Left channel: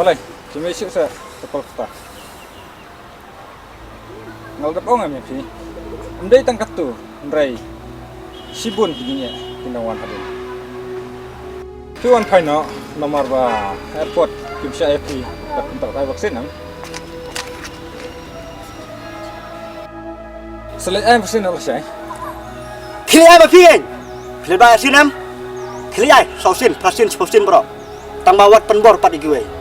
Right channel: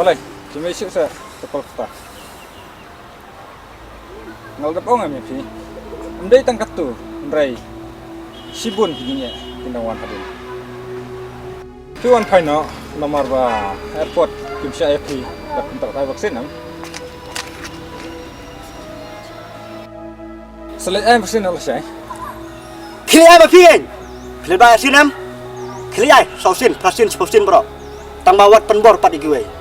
Boleh, cuma isip saya tepal kita. Ngal dap ong ami pi. Ndai tangkat tu, ndai. Sibun pinya tindawan hadin. Tuan kaino nomor ba airport kimsa api dak untuk kai vaksin am. Selain vaksin Allah saya. Kili ai ba pian. Kili ba vaksin am. Kili ai vaksin vaksin bro. Tang bawat penbor pat igiwe.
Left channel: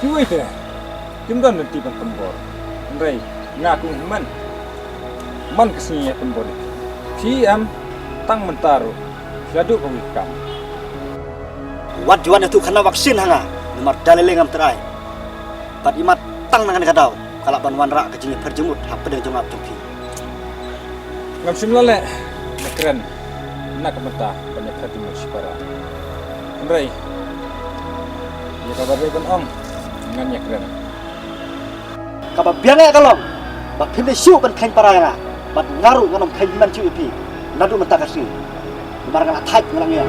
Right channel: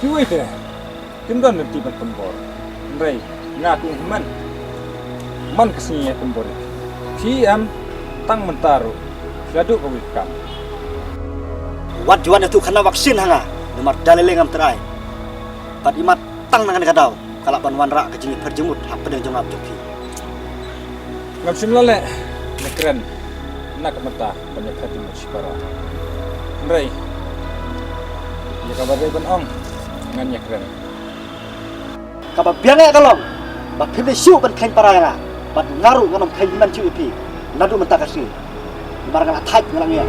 Kiwi teh, timdan nanti ban pembor. Ndai, ngaku man kesini pembor. Si am tang mentaru, gaduh kawikam. Wat juan itu kena vaksin hanga, nomor dalileng am terai. Pat imat tang nangan kadau, kalak ban wan rak kejingi perjemut hap pedang jongap joki. Ngam simlale, nekeren, nak mentah banyak hati musibara. Ndai, ya kabar ban ong. Ngannya keren. Kapa biangnya kalong, bak pimde siu ban kain paranga, bat ngaru nganom kain man ciu ipi, nadu mentakasi, dimarang attack ngalangnya.